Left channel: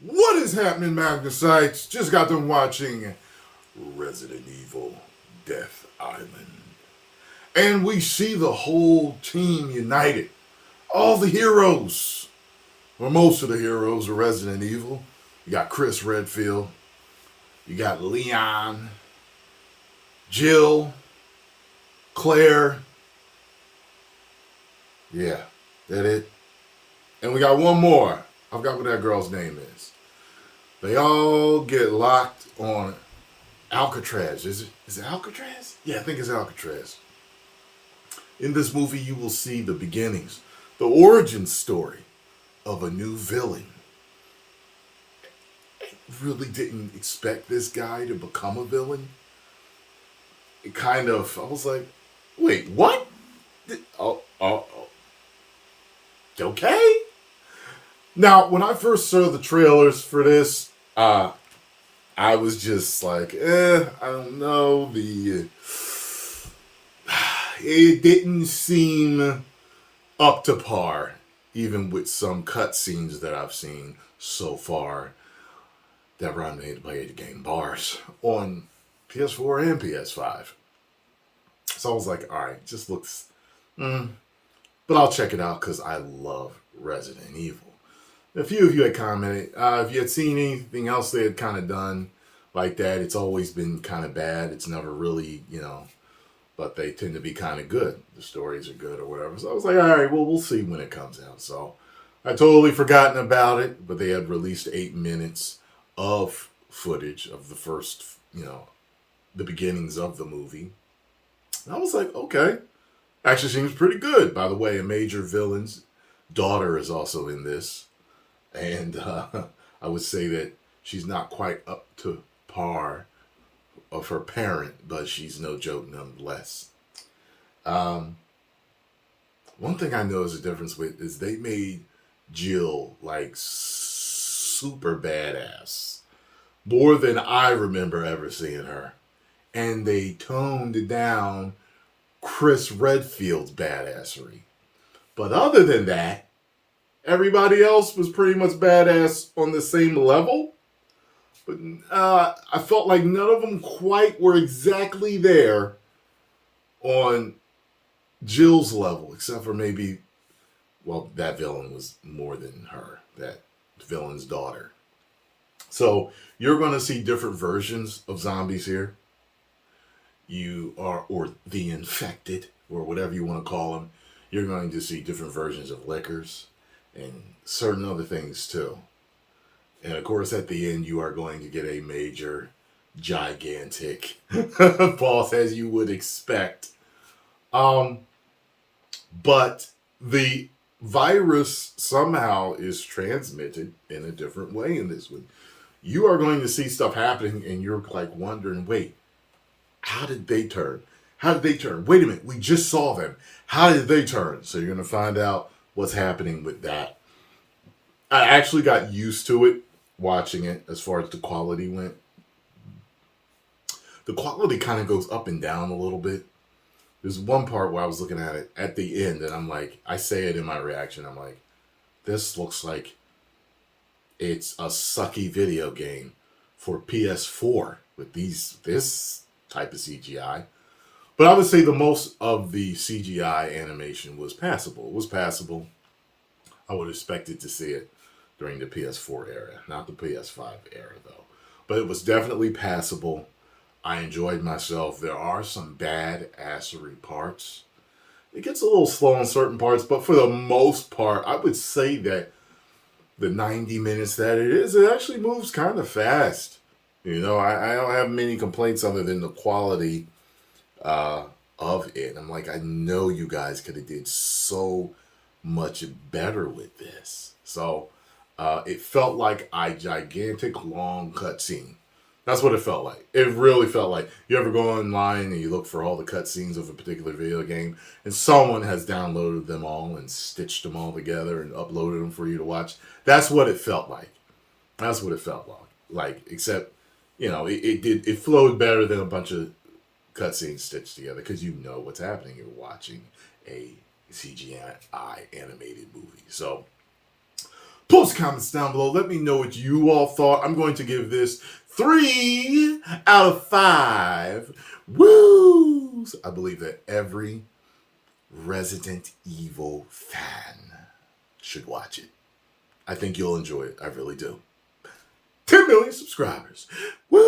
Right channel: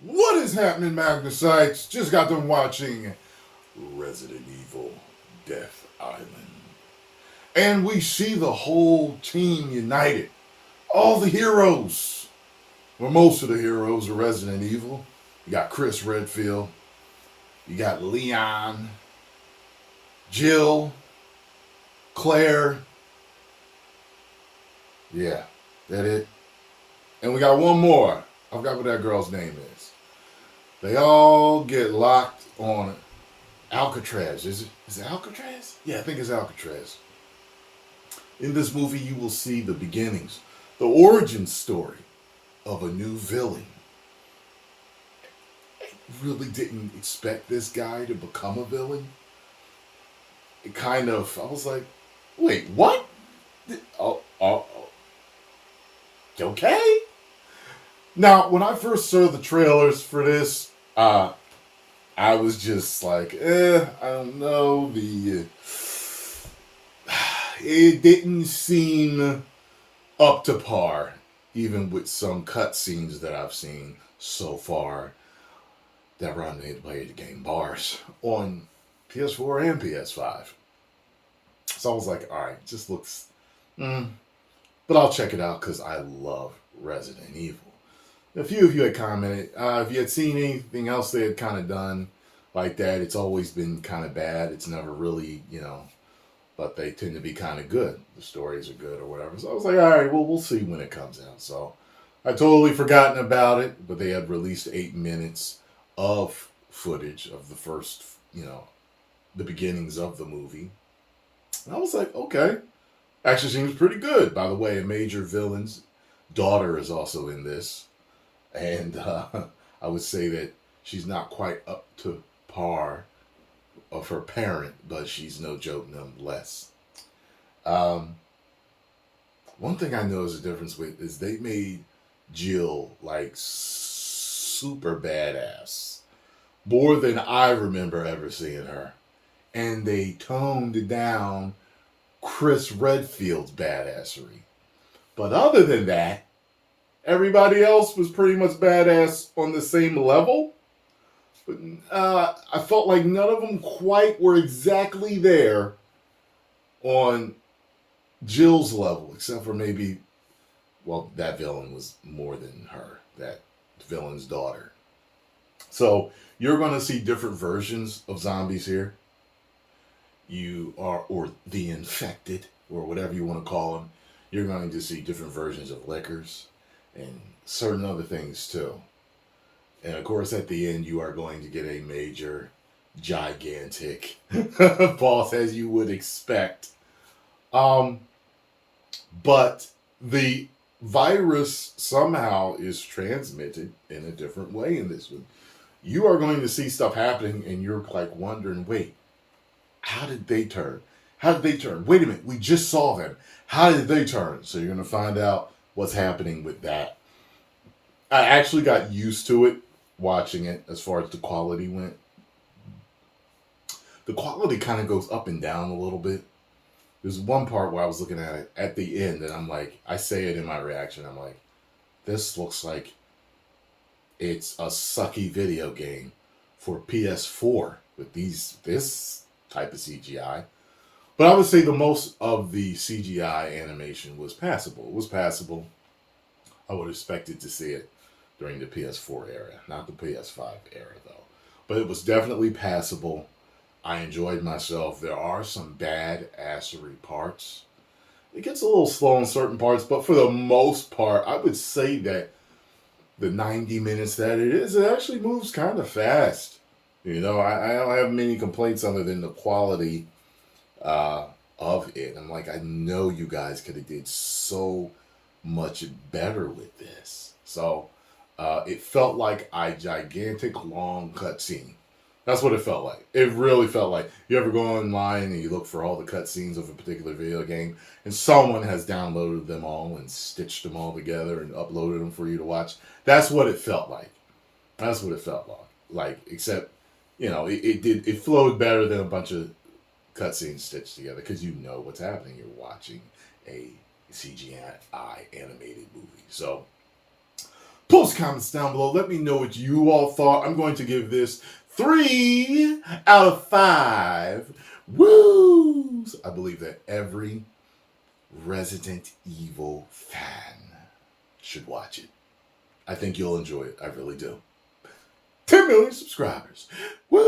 What is happening, Magnusites? Just got done watching Resident Evil Death Island. And we see the whole team united. All the heroes, or most of the heroes of Resident Evil. You got Chris Redfield, you got Leon, Jill, Claire. Yeah, that it. And we got one more. I forgot what that girl's name is. They all get locked on Alcatraz. Is it Alcatraz? Yeah, I think it's Alcatraz. In this movie, you will see the beginnings, the origin story of a new villain. I really didn't expect this guy to become a villain. I was like, wait, what? Oh, okay. Now, when I first saw the trailers for this, I was just like, I don't know. It didn't seem up to par, even with some cutscenes that I've seen so far that run me to play the game bars on PS4 and PS5. So I was like, all right, just looks, but I'll check it out because I love Resident Evil. A few of you had commented, if you had seen anything else they had kind of done like that, it's always been kind of bad. It's never really, but they tend to be kind of good. The stories are good or whatever. So I was like, all right, well, we'll see when it comes out. So I totally forgotten about it, but they had released 8 minutes of footage of the first, the beginnings of the movie. And I was like, okay, actually seems pretty good. By the way, a major villain's daughter is also in this. And I would say that she's not quite up to par of her parent, but she's no joke nonetheless. One thing I know is a difference with is they made Jill like super badass, more than I remember ever seeing her, and they toned down Chris Redfield's badassery. But other than that, everybody else was pretty much badass on the same level. But I felt like none of them quite were exactly there on Jill's level, except for maybe, well, that villain was more than her, that villain's daughter. So you're going to see different versions of zombies here. Or the infected, or whatever you want to call them. You're going to see different versions of liquors and certain other things too. And of course, at the end, you are going to get a major, gigantic boss, as you would expect. But the virus somehow is transmitted in a different way in this one. You are going to see stuff happening, and you're like wondering, wait, how did they turn? How did they turn? Wait a minute, we just saw them. How did they turn? So you're going to find out what's happening with that. I actually got used to it watching it as far as the quality went. The quality kind of goes up and down a little bit. There's one part where I was looking at it at the end, and I'm like, I say it in my reaction, I'm like, this looks like it's a sucky video game for PS4 with this type of CGI. But I would say the most of the CGI animation was passable. It was passable. I would have expected to see it during the PS4 era, not the PS5 era though. But it was definitely passable. I enjoyed myself. There are some bad assery parts. It gets a little slow in certain parts, but for the most part, I would say that the 90 minutes that it is, it actually moves kind of fast. I don't have many complaints other than the quality of it. I'm like, I know you guys could have did so much better with this. So it felt like a gigantic long cutscene. That's what it felt like. It really felt like you ever go online and you look for all the cutscenes of a particular video game, and someone has downloaded them all and stitched them all together and uploaded them for you to watch. That's what it felt like. That's what it felt like. Except, it flowed better than a bunch of cutscenes stitched together because you know what's happening. You're watching a CGI animated movie. So Post comments down below. Let me know what you all thought. I'm going to give this 3 out of 5 woos. I believe that every Resident Evil fan should watch it. I think you'll enjoy it. I really do. 10 million subscribers. Woo!